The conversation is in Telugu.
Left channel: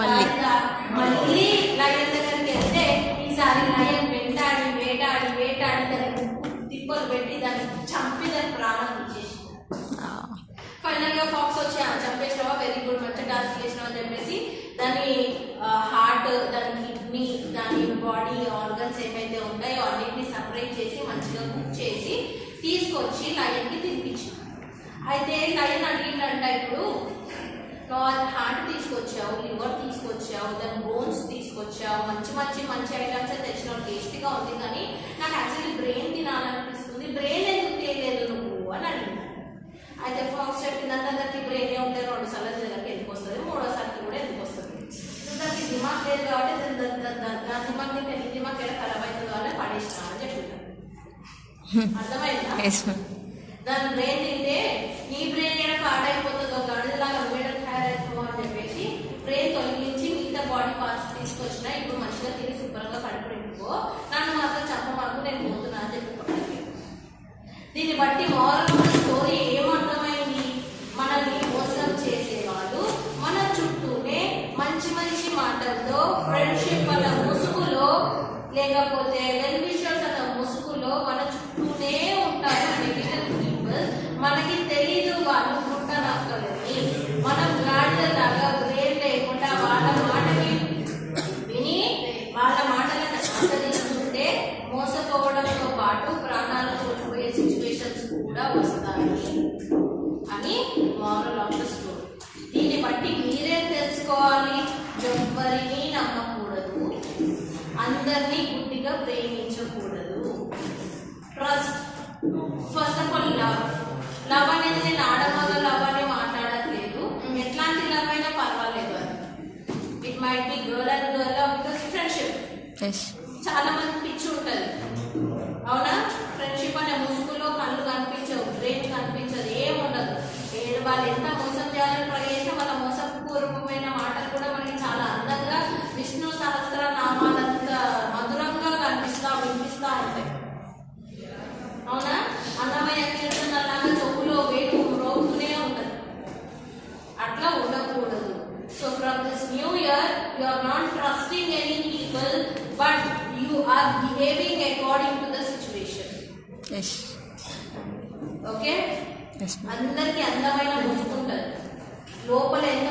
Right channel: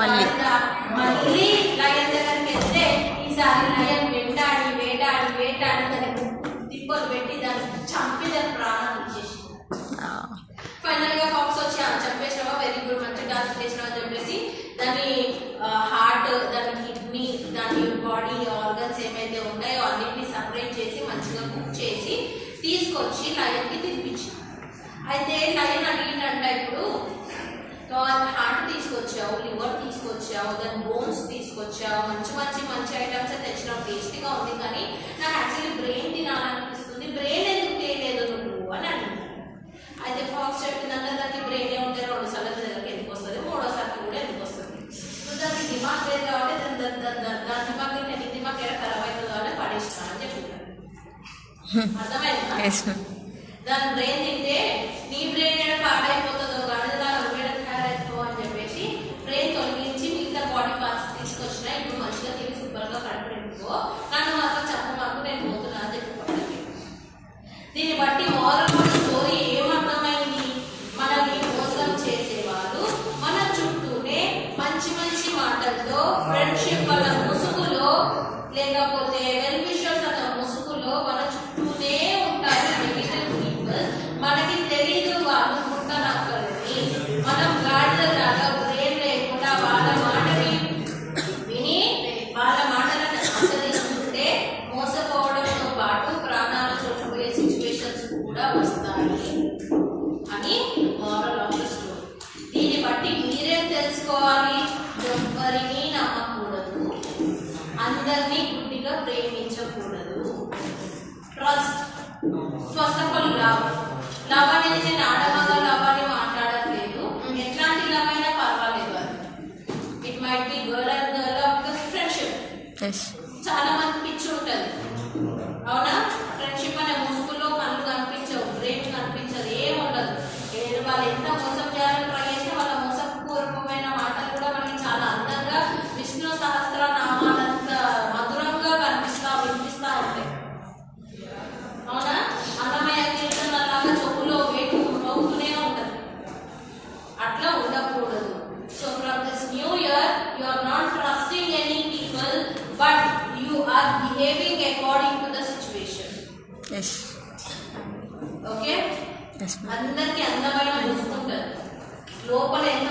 మళ్ళీ లయన్ దగ్గరికి వెళ్తే ఈసారి లయన్ వేటాడి వేటాడి వేటాడి దాన్ని తిప్పలు పెట్టి దాన్ని చంపి దాని ప్రాణం ఇచ్చేసి ఫైనల్ గా ఫాక్స్ వచ్చి చంపేసినావా, వెరీ గుడ్, మంచి డాన్స్ చేసినావా అని చెప్పేసి దాని హార్ట్, దాని కిడ్నీ, దాని బాడీ ఆర్గన్స్ ఏమైతే ఉంటాయో అన్నింటినీ సపరేట్ చేసి మంచిగా కుక్ చేసి తీసుకొచ్చి లయన్ కి తినిపించాను. అయితే లయన్ అడిగిందంట, ఇప్పుడు హార్ట్ తీసుకొచ్చావు, లివర్ తీసుకొచ్చావు, దాని బోన్స్ తీసుకొచ్చావు, మంచి మంచి మంచి ఐటమ్స్ తెచ్చినావు, టేస్టీగా ఉంది, కానీ నాకు యాక్చువల్లీ బ్రెయిన్ తినాలనిపిస్తుంది, బ్రెయిన్ ఎందుకు తెలియలేదు నువ్వు అని అడిగింది. అయితే ఫాక్స్ చెప్పిందంటే దానికి బ్రెయిన్ ఉంటే 2 సార్లు దగ్గరికి ఎందుకు వస్తుంది, 3వ సార్కి కూడా ఎందుకు వస్తుంది, దానికి దిమాగ్ లేదు కాబట్టి దాని దిమాగ్ నీ దిమాగ్ ఎలా ఖరాబ్ అవుతుంది కాబట్టి పడేస్తా అని చెప్పింది. అర్థమైందా? దాని బ్రెయిన్ తింటే నీ బ్రెయిన్ ఏడ పాడైపోతుందో గడిదలాగా నువ్వేడ తయారైపో అని చెప్పేసి బ్రెయిన్ తొలగించి మిగతా బాడీ పార్ట్స్ తీసుకొచ్చిన, ఇప్పుడు మంచిగా తిని సూపర్గా కడపడుకో, నన్ను మాత్రం చెప్పమాకు, నేను పోతున్నా అని చెప్పి. దీన్ని బట్టి మోరల్ స్టోరీ ఏమర్థమైంది? మనల్ని మోసం చేసేవాళ్ళు మన చుట్టూనే మంచి మంచి మాటలతో, ఫ్రెండ్షిప్ వల్ల ముసుగులో, లేకపోతే వెల్ విషర్స్ అన్న ముసుగులో మన చుట్టూనే ఉంటారు నెగటివ్ పీపుల్. మనకి తెలీదు వాళ్ళు పుట్టనక్కలని, మనం గాడిదలాగా బ్రెయిన్ లేకుండా వాళ్ళ మాటని విని వాళ్ళ మాటలను అనుసరిస్తుంటే మోసపోవడంతో పాటు ప్రాణాలు కోల్పోయే సిచ్యువేషన్స్ కూడా వస్తాయి అని మోరల్ ఆఫ్ ద స్టోరీ. దీన్ని బట్టి మీరేం తెలుసుకోవాలి? ఎవ్వరినీ నమ్మకూడదు, అందరినీ గుడ్డిగా ప్రేమించకూడదు. Trust, first of all love. Love అనేది నేను ఆడమగ లవ్ అని మాట్లాడట్లేదు, ఎట్లాంటి లవ్ అయినా పర్వాలేదు. అది it might be girl and girl love, because friendship. చాలా మంది పిచ్చి ఉంటుంది, అవునా? ఫ్రెండ్షిప్ అనే ముసుగులో కళ్ళు కనిపించవు, బ్రెయిన్ కనిపించదు, ఏముండదు. వాళ్ళు ఎంత మోసం చేయాలని ట్రై చేస్తే వాళ్ళ మోసపూర్వకమైన మాటలు కూడా మనకి చాలా అందంగా విష్ణు సహస్రనామాలంత మధురంగా వినిపిస్తూ ఉంటాయి, అవునా? అన్నమయ్య కీర్తనలాగా చెవులో వేటు రోగుతూనే ఉంటుంది. అట్లా ఉండకూడదు. So from this new year you are not trusting any people, but you are behaving according to the situation. Okay? అందరికి అందమైన ముసుగుంటుంది, లోపల ఎంత